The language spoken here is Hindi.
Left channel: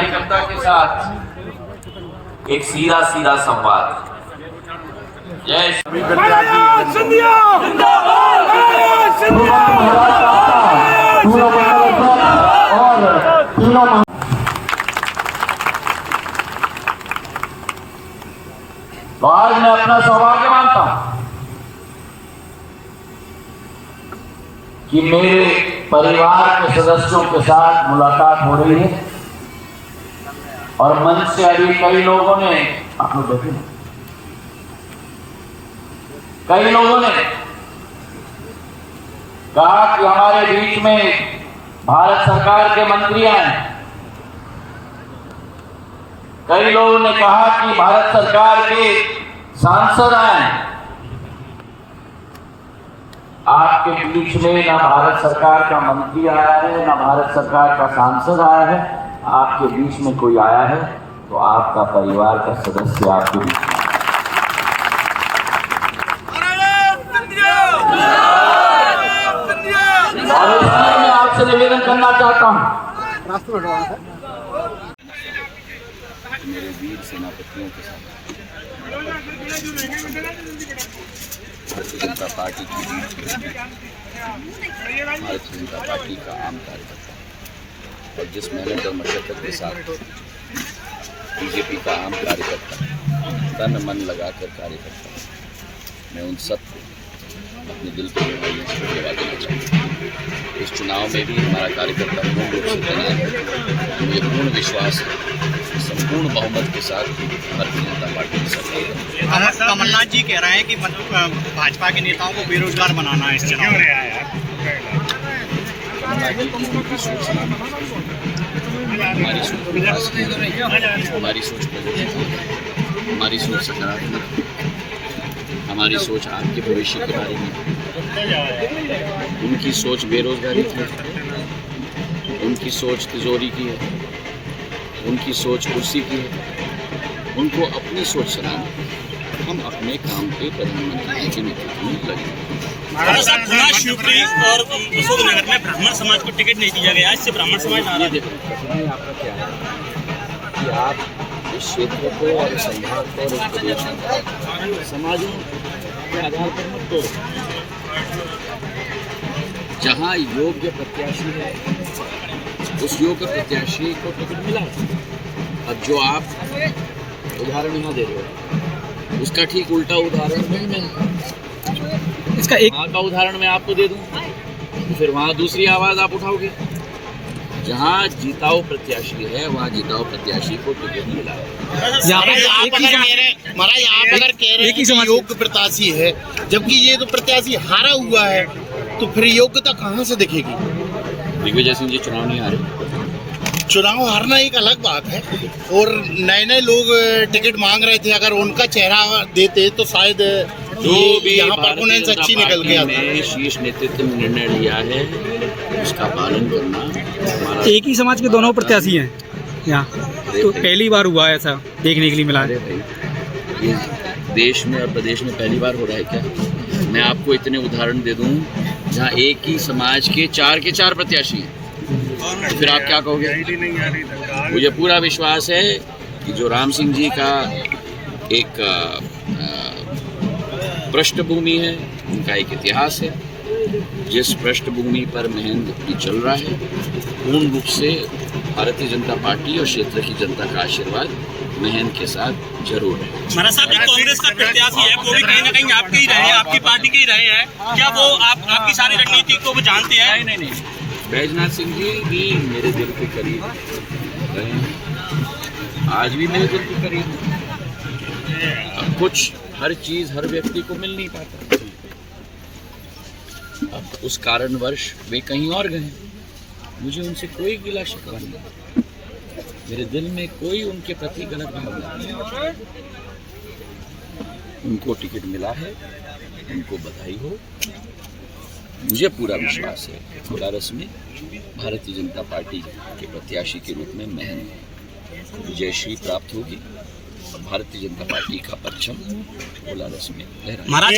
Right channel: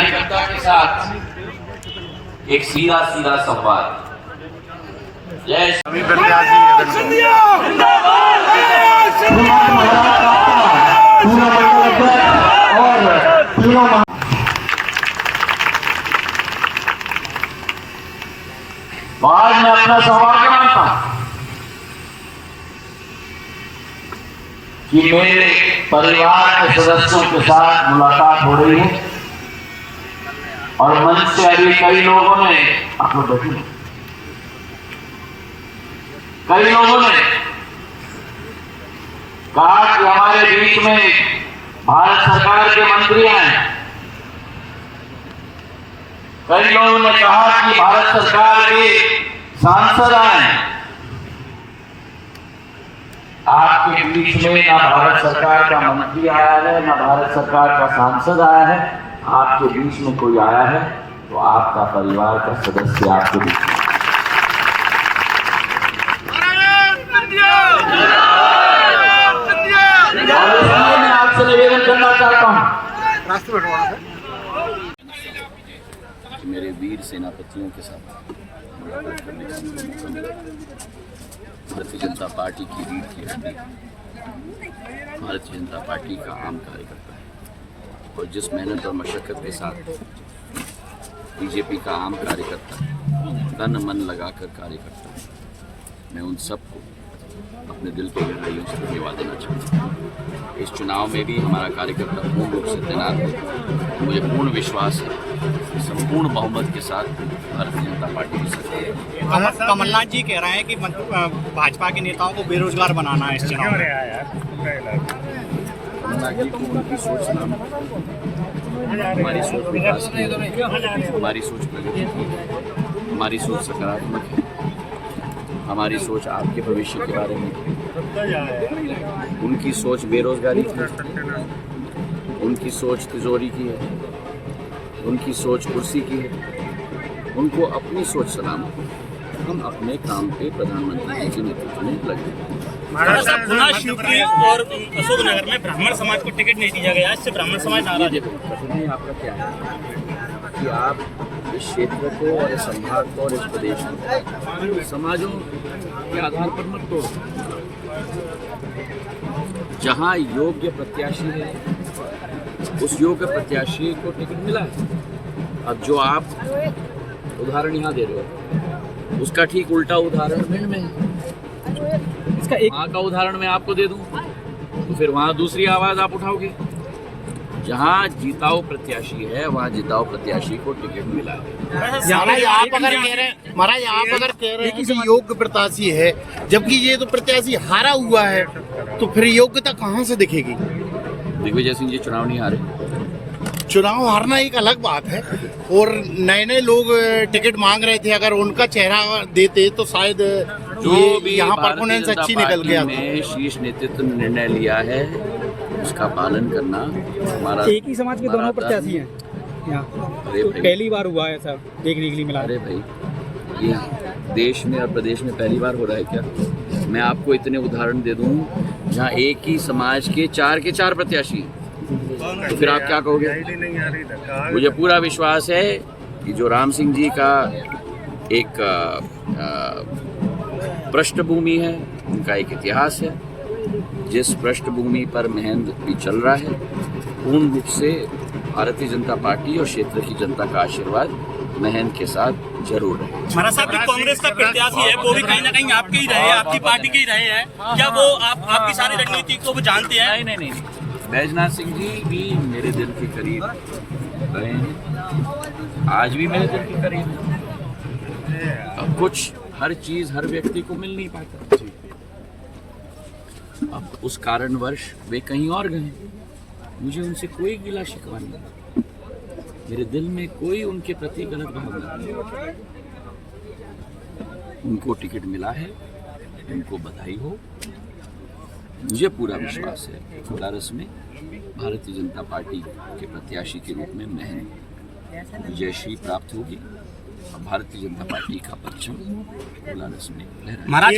कार्यकर्ता के साथ एक सीधा सीधा संवाद। जय श्री आज मैं अपना सौभाग्य मानता कि मेरे परिवार के सदस्यों के साथ मुलाकात हो रही है और मंच से अभी कई लोगों ने, आप लोग बैठे, कई लोगों ने कहा कि हमारे बीच में भारत सरकार के मंत्री हैं। कई लोगों ने कहा कि भारत सरकार के सांसद आए। आपके बीच में ना भारत सरकार का मंत्री आया है, ना भारत सरकार का सांसद आया है। आपके बीच में कोई आया है तो आपका परिवार का सदस्य आपके बीच में। मैं आपसे निवेदन करना चाहता हूं, मेरे वीर सेनापतियों के साथ भारतीय जनता पार्टी की भारतीय जनता पार्टी का आम कार्यकर्ता और जिस मेहनत और मशक्कत के साथ बीजेपी का आम कार्यकर्ता तन मन लगाकर कार्य करता है, मैं उन सबको अपने दिल के गहराइयों से धन्यवाद देना चाहता हूँ। इस चुनाव में भी हमारा कार्यकर्ता पूर्ण रूप से तैनात है। मुझे पूर्ण विश्वास है संपूर्ण बहुमत के साथ भारतीय जनता पार्टी की सरकार। कमलनाथ जी कह रहे हैं कि भाजपा के नेताओं को बेरोजगार बनाना है इस चुनाव में। कमलनाथ जी की उनकी सोच हमारी सोच विकास की, हमारी सोच प्रगति की, हमारी सोच सकारात्मक, हमारी सोच आपके भविष्य के बारे में। उनकी सोच बेरोजगारी की है, उनकी सोच तिजोरी की है, उनकी सोच कुर्सी की है। उनको अपनी सोच सलाम, हम अपने काम पे प्रधानमंत्री जी के नेतृत्व में लगे। पुनः शिवपुरी और अशोकनगर में ब्राह्मण समाज को टिकट नहीं दिया गया, इससे ब्राह्मण समाज नाराज। देखो कठिनाई आपका क्या है कि आप इस क्षेत्र को और इस संभाग को और इस प्रदेश को समाजों के आधार पर मत तोड़ो। जहाँ योग्य प्रत्याशी है उस योग्य प्रत्याशी को टिकट मिला है। अब जो आप उदाहरण यहाँ दे रहे हो उसका ठीक उल्टा उदाहरण में इसका एक वहाँ का उदाहरण मैं आपको दे दूँ तो फिर वहाँ दूसरी आवाज़ आप उठाओगे। जहाँ जिताऊ प्रत्याशी है वहाँ जिताऊ प्रत्याशी को टिकट मिला है। आप अगर कह रहे हैं कि योग्य प्रत्याशी है जबकि ये तो प्रत्याशी हारा हुआ है तो फिर योग्यता कहाँ से दिखेगी? दिग्विजय सिंह जी चुनाव नहीं हारे। चुनाव हारना एक अलग बात है और नए नए लोग टिकट मांग रहे थे, अगर उनका चेहरा देते तो शायद जो भी यहाँ परफॉर्मेंस अच्छी निकल गया में शीर्ष नेतृत्व ने निर्णय लिया है उसका पालन करना हमारा। एक ही समाज के दोनों प्रत्याशी हैं यहाँ, तो पहली बार हुआ है ऐसा देखने के लिए मिला। अरे भाई ये देश में और प्रदेश में पहली बार हो रहा है क्या? मैं आपको इतने उदाहरण दे दूं जहाँ एक ही समाज के चार प्रत्याशी हैं, तो फिर आप क्या कहोगे? मुझे पूरा विश्वास है कि जो राम सिंह जी का एक पृष्ठभूमि है, उनका एक इतिहास है, जिस पृष्ठभूमि पर महंत भी चल रहा है, पूर्ण रूप से भारतीय जनता पार्टी और क्षेत्र की जनता का आशीर्वाद महंत के साथ जरूर है। महाराज साहब, कांग्रेस का प्रत्याशी है वो भी कहीं ना कहीं आपके ही रहे, आपकी पार्टी के ही रहे हैं, क्या वो आपकी सारी रणनीति को वो जानते हैं? नहीं, बैजनाथ सिंह जी भी मेरे दिल के करीब रहे हैं, आज भी मेरे दिल के करीब। अब कुछ हर चीज हर व्यक्ति को मिल नहीं पाता, अब उस कारणवश वे कहीं और गए। मुझे उनसे कोई गिला शिकवा नहीं, मेरे दिल में कोई उनके प्रति गलत भावना नहीं। उनको टिकट मिला है, उनको बधाई हो। मुझे पूरा विश्वास है कोलारस में भारतीय जनता पार्टी के प्रत्याशी के रूप में महंत विजयश्री प्राप्त होगी। भारतीय जनता पार्टी का परचम कोलारस में लहराएगा। महाराज